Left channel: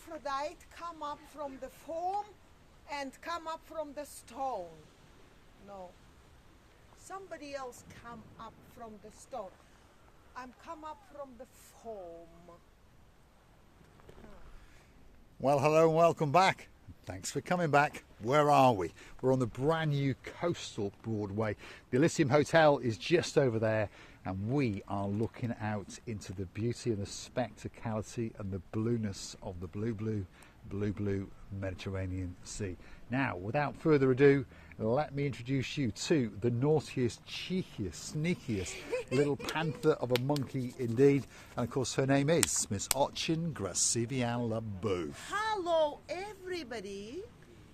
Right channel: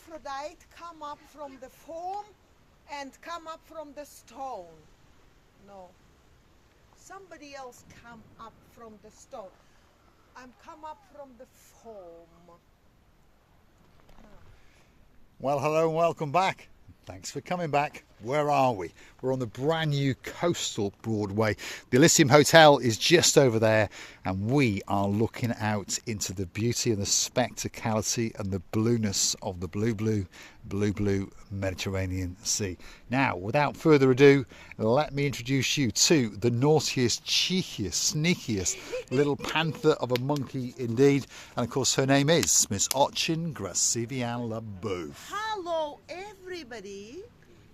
Aphrodite come up from the foam and come up from the stone. No. Somebody else come up from the stone. I'm come up from the foam. Well, hello and welcome back. Thanks for coming back. Where are we? We're on the brand new Coastal Broadway. The Elysium Hotel is just over there, and we are looking out into the beauty and the spectacality and the blueness of the blue Mediterranean Sea. Now, without further ado, let me introduce you to the naughtiest, cheekiest, sneakiest little panther of a monkey indeed. And of course, her name is Miss Ochin Grasivian-Labouf. Hello, everybody.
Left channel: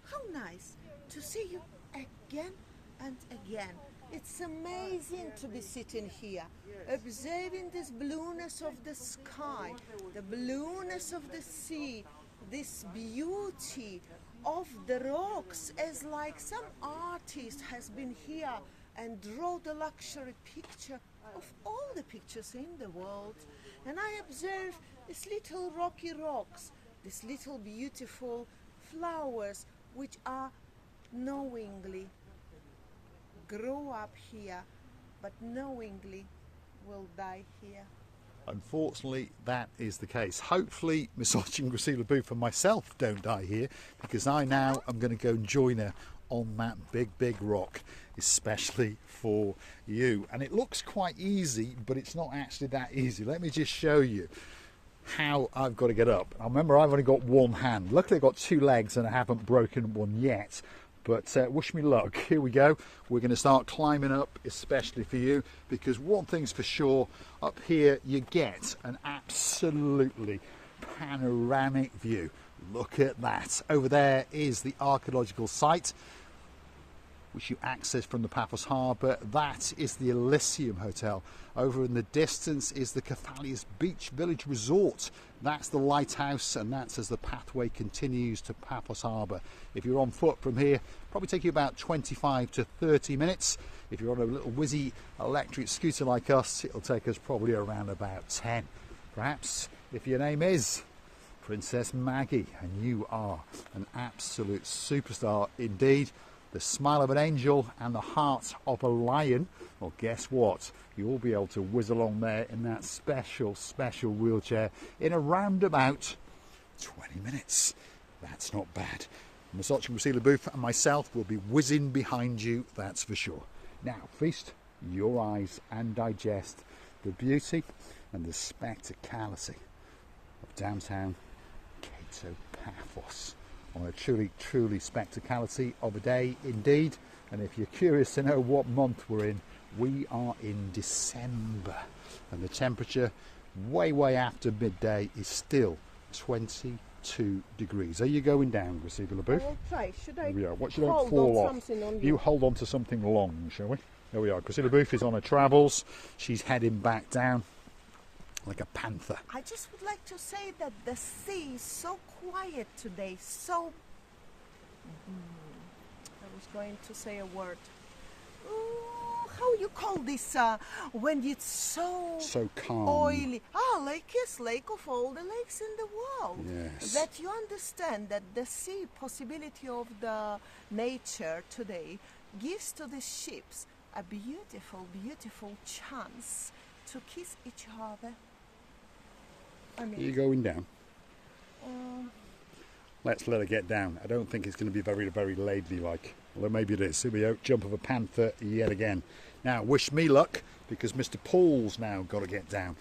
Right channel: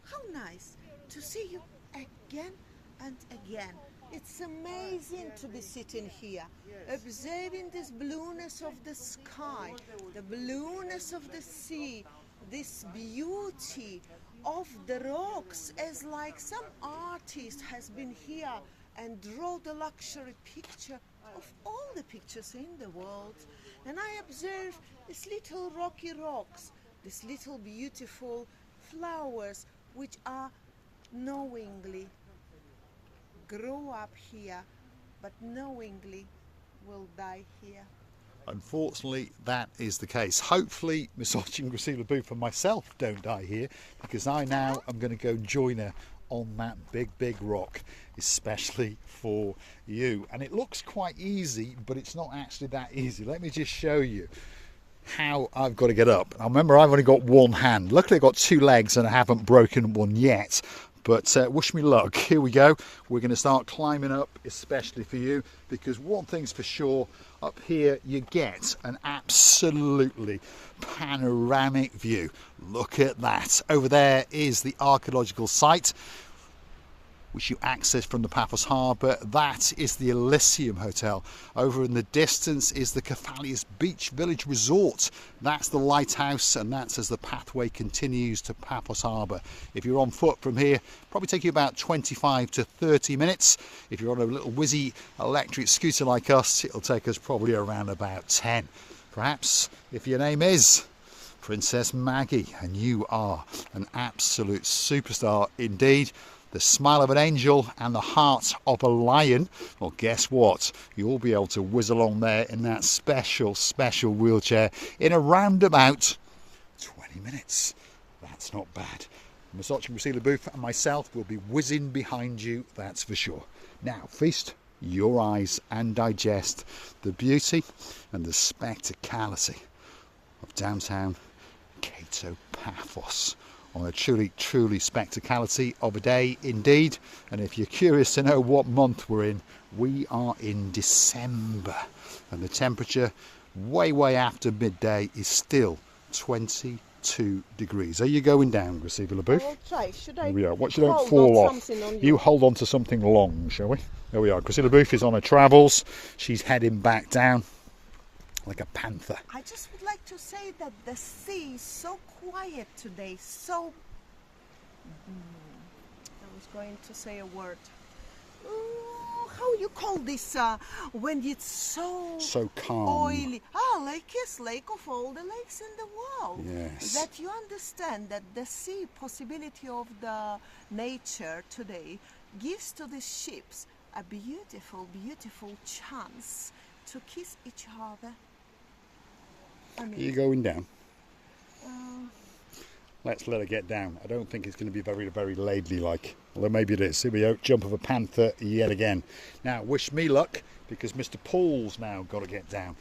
How nice to see you again and again. It's amazing to be sitting here, observing this blueness of the sky, the blueness of the sea, this beauty of the rocks, as like some artist has been here and draw the luxury picture of all the pictures in the world. And I observe these little rocky rocks, these little beautiful flowers which are knowingly grow up here, but knowingly will die here. Unfortunately, that is the case. Hopefully, Miss Ochin Grasivian-Labouf and myself don't die here, because I now am going to go join her on that big rock, especially for you. And it looks quite easy, but it's not actually that easy. Let me just show you how I've got to get up. Now, remember, I've only got one hand. Luckily, I've got two legs and I haven't broken one yet. But wish me luck. Here we go. We're going to start climbing up, especially for you, because one thing's for sure, up here you get an absolutely panoramic view. Look at that. Over there is the archaeological site, which you access from the Paphos harbour. That is the Elysium Hotel. Over in the distance is the Cephalius Beach Village Resort. That's the lighthouse, and that's as the pathway continues to Paphos harbour. If you're on foot from here, probably take you about 25 to 30 minutes. If you're on a little whizzy electric scooter like us, it'll take us probably around about 10. Perhaps if your name is Princess Maggie and you are an absolute superstar indeed, the smile of an angel and the heart of a lion, well, guess what? You'll be able to whiz along there in that special wheelchair in around about 20 minutes. That's not bad. Miss Ochin Grasivian-Labouf and myself will be whizzing behind you, that's for sure. Now, feast your eyes and digest the beauty and the spectacality of downtown Cato Paphos, on a truly spectacality of a day indeed. And if you're curious to know what month we're in, we are in December, and the temperature way after midday is still 22 degrees. Are you going down, I Grasivian-Labouf? will try. Should I Here we are. Watch you don't hold fall on off. something on You hold on to something long, shall we? There we are. Grasivian-Labouf is on her travels. She's heading back down like a panther. I just would like to say that the sea is so quiet today, so... I was going to say a word. How you call this when it's so calm, oily? Lake is lake of all the lakes in the world. Yes. That you understand that the sea possibility of the nature today gives to the ships a beautiful chance to kiss each other. I mean, are you going down? Let's let her get down. I don't think it's going to be very ladylike. Although maybe it is. Here we go. Jump of a panther yet again. Now, wish me luck, because Mr. Paul's now got to get down.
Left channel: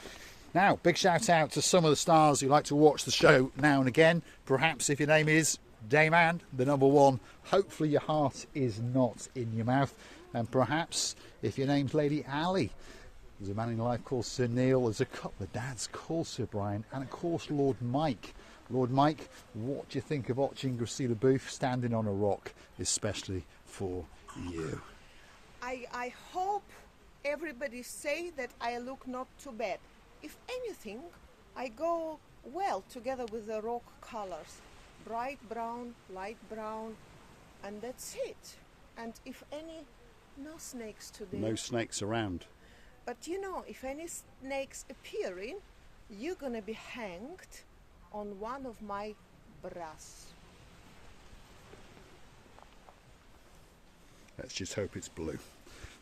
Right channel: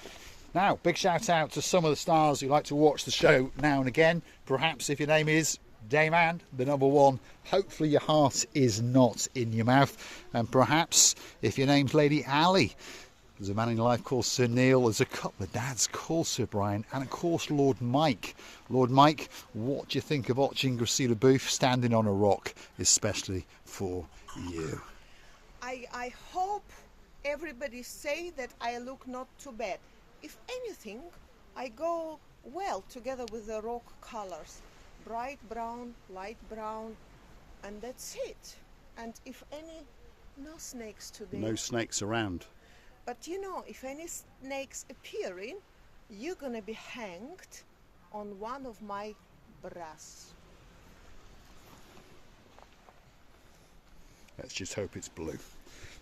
Now, big shout out to some of the stars who like to watch the show now and again. Perhaps if your name is Dayman, the number one, hopefully your heart is not in your mouth. And perhaps if your name's Lady Ali, there's a man in life called Sir Neil, there's a couple of dads called Sir Brian, and of course Lord Mike. Lord Mike, what do you think of Ochin Grasivian-Labouf standing on a rock, especially for you? I hope everybody say that I look not too bad. If anything, I go well together with the rock colors. Bright brown, light brown, and that's it. And if any, no snakes today. No snakes around. But you know, if any snakes appearing, you're gonna be hanged on one of my brass. Let's just hope it's blue.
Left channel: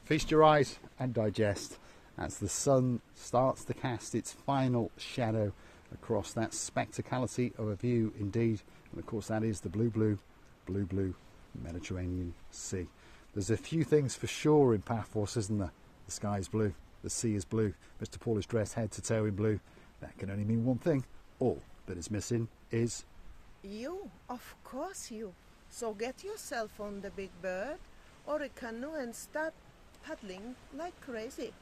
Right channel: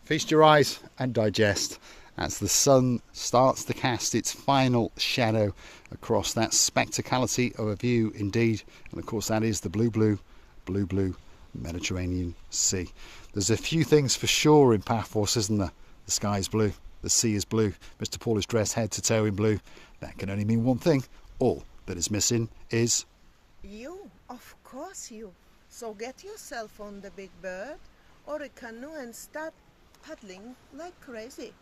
Feast your eyes and digest as the sun starts to cast its final shadow across that spectacality of a view indeed. And of course that is the blue Mediterranean Sea. There's a few things for sure in Paphos, isn't there? The sky is blue, the sea is blue, Mr. Paul is dressed head to toe in blue. That can only mean one thing. All that is missing is... You, of course you. So get yourself on the big bird or a canoe and start paddling like crazy.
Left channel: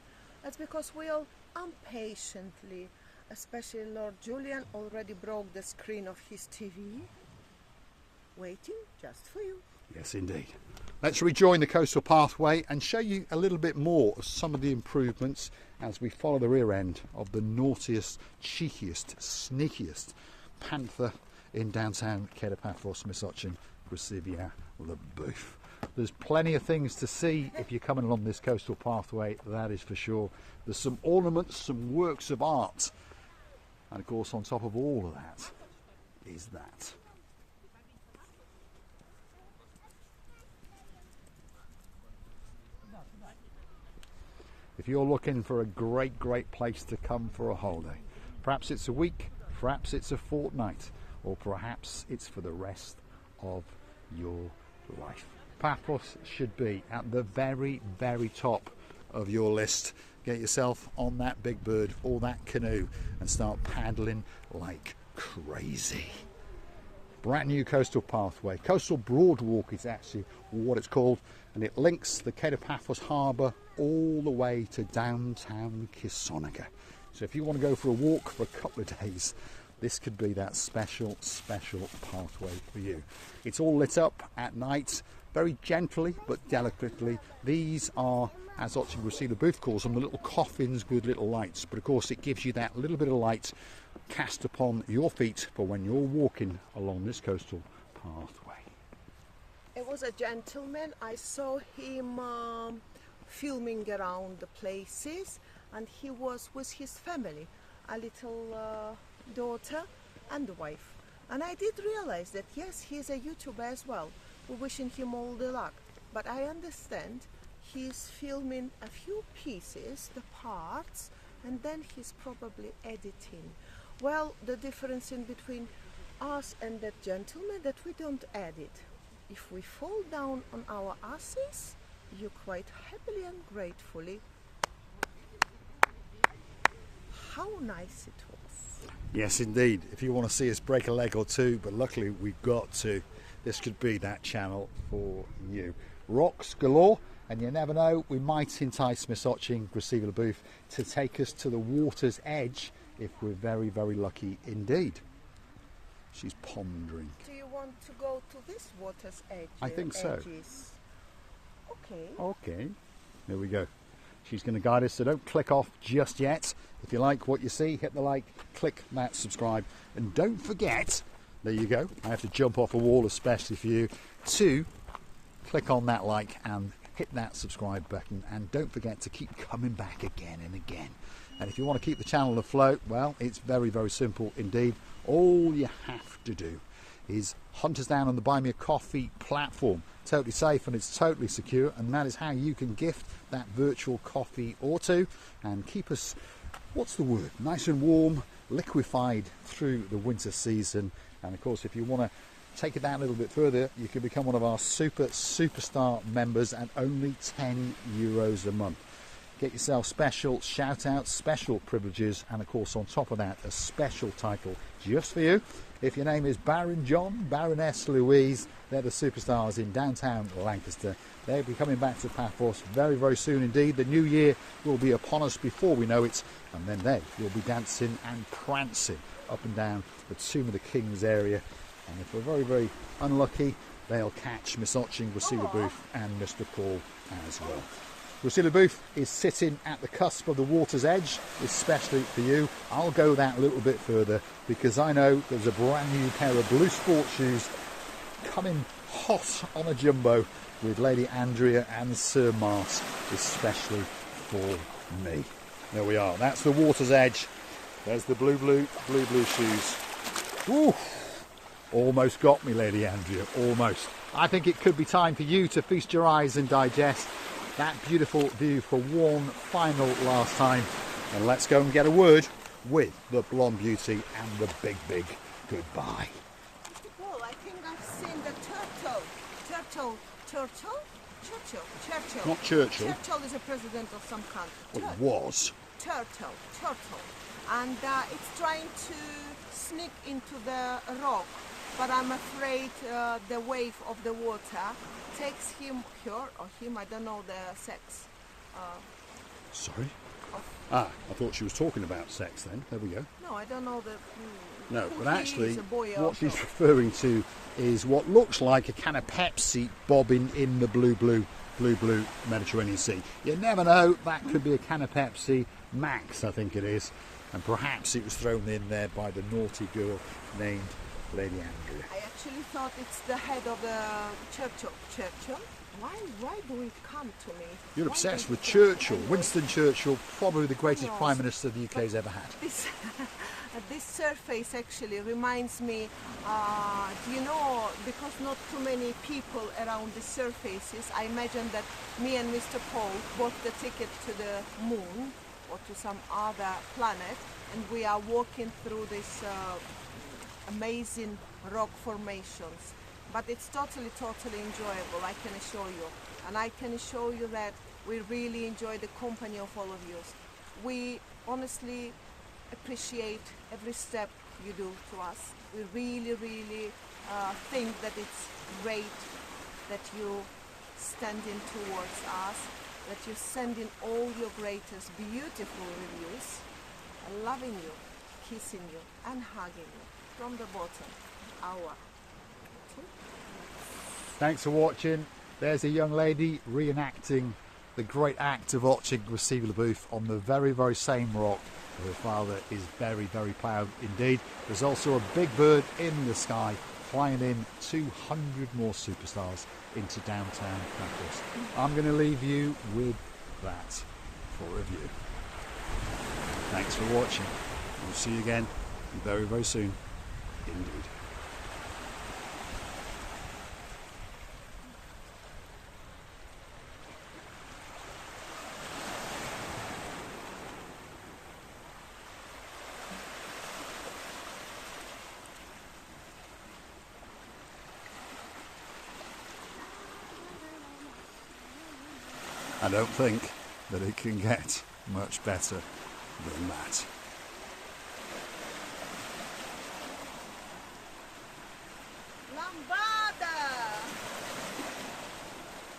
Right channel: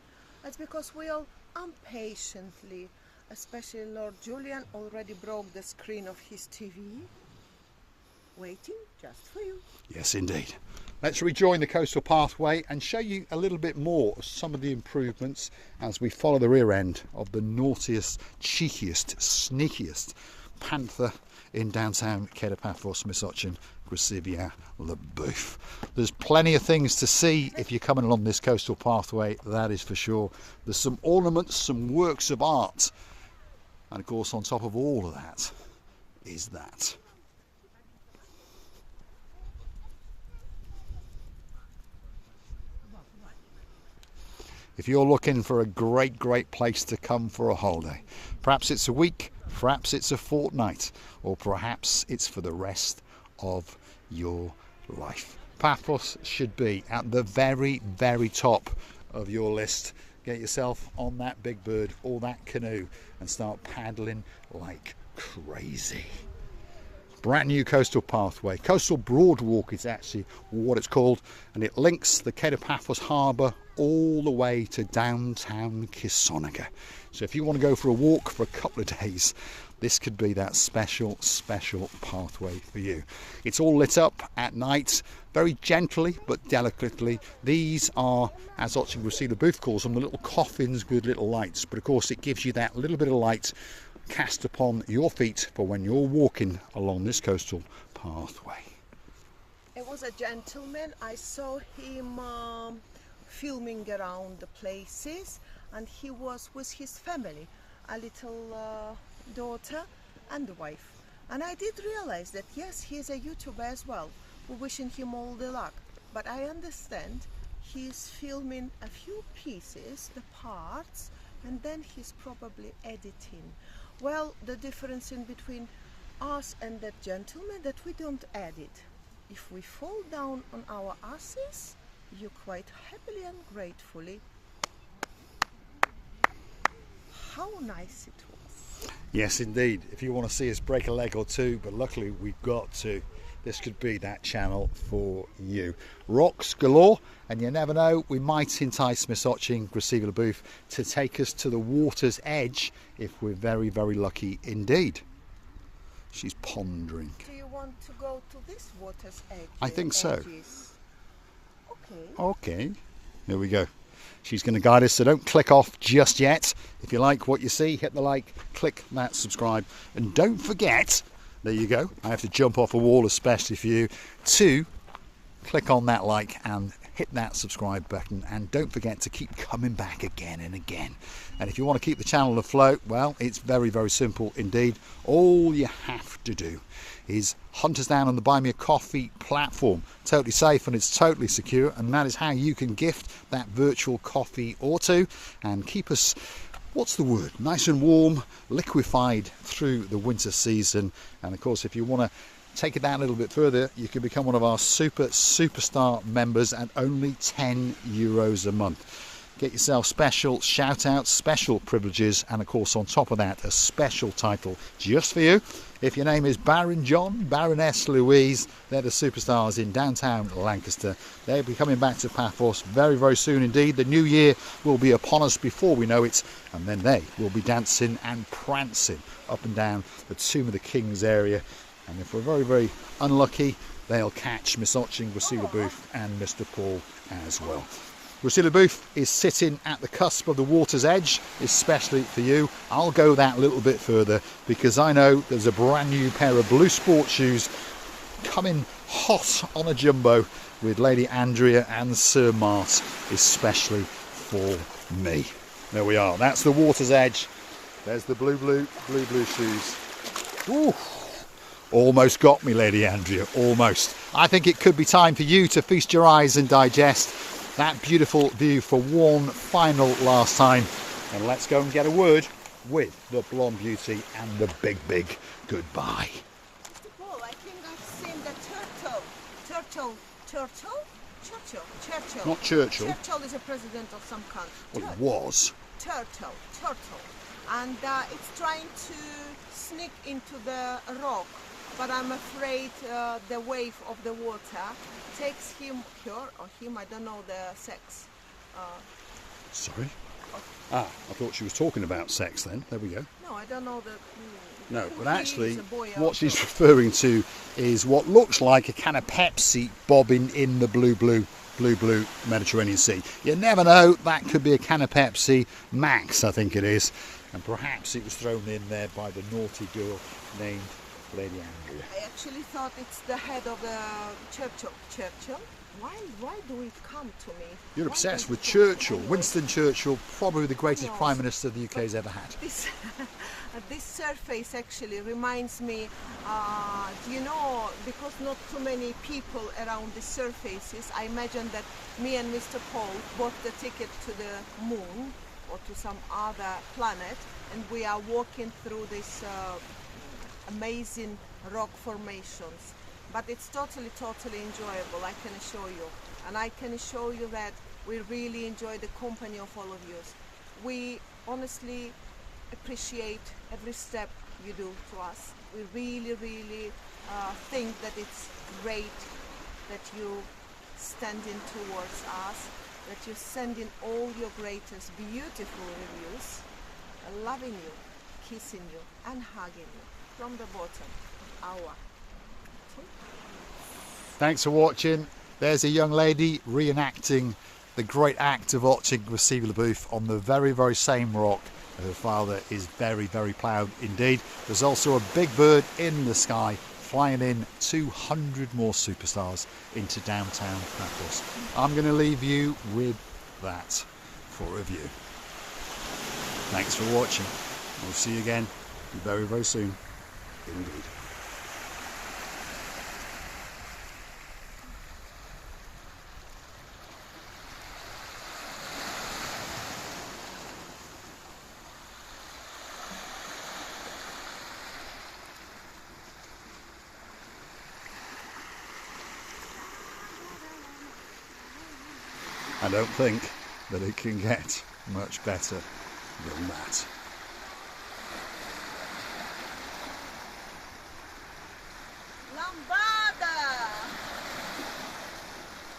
That's because we all impatiently, especially Lord Julian, already broke the screen of his TV, waiting just for you. Yes, indeed. Let's rejoin the coastal pathway and show you a little bit more of some of the improvements as we follow the rear end of the naughtiest, cheekiest, sneakiest panther in downtown Paphos, Misochin, Gracivia, Le Boeuf. There's plenty of things to see if you're coming along this coastal pathway, that is for sure. There's some ornaments, some works of art, and of course on top of all of that is that. If you're looking for a great place to come for a holiday, perhaps it's a week, perhaps it's a fortnight, or perhaps it's for the rest of your life, Paphos should be at the very top of your list. Get yourself on that big bird or that canoe and start paddling like crazy. Brand new coastal pathway. Coastal Broadwalk is actually what it's called, and it links the Paphos harbour all the way to downtown Kisonica. So if you want to go for a walk for a couple of days, this could be that special pathway for you. It's all lit up at night, very gently but delicately. These are, as Gracivia Booth calls them, the little coffins with little lights. But of course it gives you that little bit of light cast upon your feet for when you're walking along this coastal pathway. It was a gentleman. I saw him filming around the places, and he was with his family, a little daughter and the wife. And I did realize that yes, he's a YouTuber as well. We're wishing him all the luck. But I understand he's filming a few pieces, the parts, and then he's probably editing. Well, the difference in between us and that gentleman, that we don't edit. If we fall down on our asses, you quite happily and gratefully. How nice it was. Yes, indeed. If you want to see us break a leg or two, but luckily we've got to, this could be that channel for you. Rocks galore, and you never know, we might entice Misochin, Gracivia Le Boeuf, to take us to the water's edge if we're very lucky indeed. She's pondering. Do you want to go to this water's edge? I think so. Edges? Okay. Okay, there we go. She's going to guide us, so don't click off just yet. If you like what you see, hit the like, click that subscribe, and don't forget, there you go, I have to jump off a wall especially for you, to click on that like and hit that subscribe button, and don't forget to keep coming back again and again. And if you want to keep the channel afloat, well, it's very simple indeed. All you have to do is hunt us down on the Buy Me a Coffee platform. Totally safe and it's totally secure, and that is how you can gift that virtual coffee or two and keep us, what's the word, nice and warm, liquefied through the winter season. And of course, if you want to take it down a little bit further, you can become one of our superstar members at only €10 a month. Get yourself special shout outs, special privileges, and of course on top of that a special title just for you. If your name is Baron John, Baroness Louise, they're the superstars in downtown Lancaster. They'll be coming back to Paphos very soon indeed. The new year will be upon us before we know it, and then they will be dancing and prancing up and down the Tomb of the Kings area. And if we're very unlucky, they'll catch Misochin, Gracivia Le Boeuf and Mr. Paul as well. Gracivia Le Boeuf is sitting at the cusp of the water's edge, especially for you. I'll go that little bit further because I know there's a brand new pair of blue sport shoes coming hot on a jumbo with Lady Andrea and Sir Mart, especially for me. There we are. That's the water's edge. There's the blue shoes. Ooh. Almost got me, Lady Andrea, almost. I think it could be time for you to feast your eyes and digest that beautiful view for one final last time. And let's go and get a word with the blonde beauty and the big goodbye. Mr. Paul, I think I've seen the turtle. Churchill. Not Churchill. Churchill is a president of some country. Well, it was. Turtle. And it's trying to sneak into the rock, but I'm afraid the wave of the water takes her or him, I don't know the sex. Sorry? I thought she was talking about sex then. There we go. No, I don't know the... No, but actually what she's girl. referring to is what looks like a can of Pepsi bobbing in the blue Mediterranean Sea. You never know, that could be a can of Pepsi Max, I think it is. And perhaps it was thrown in there by the naughty girl named Lady Andrea. I actually thought it's the head of Churchill. Why do it come to me? You're Why obsessed does with it Churchill. anyway? Winston Churchill, probably the greatest No, Prime Minister the UK's ever had. This surface actually reminds me, do you know, because not too many people around the surfaces, I imagine that me and Mr. Paul bought the ticket to the moon or to some other planet, and we are walking through these amazing rock formations. But it's totally enjoyable, I can assure you. And I can assure you that we really enjoy the company of all of you. We honestly appreciate every step you do to us. We really think that it's great that you standing towards us, that you're sending all your greatest beautiful reviews, loving you, kissing you and hugging you from the bottom of our... Thanks for watching. There's a young lady reenacting the great act of watching Graciela LaBeouf on the very same rock. Her father is very proud indeed. There's also a big bird in the sky flying in 200 more superstars into downtown Paphos. I'm going to leave you with that for review. Thanks for watching. We'll see you again very soon indeed. I don't think that it can get much better than that. Lamba!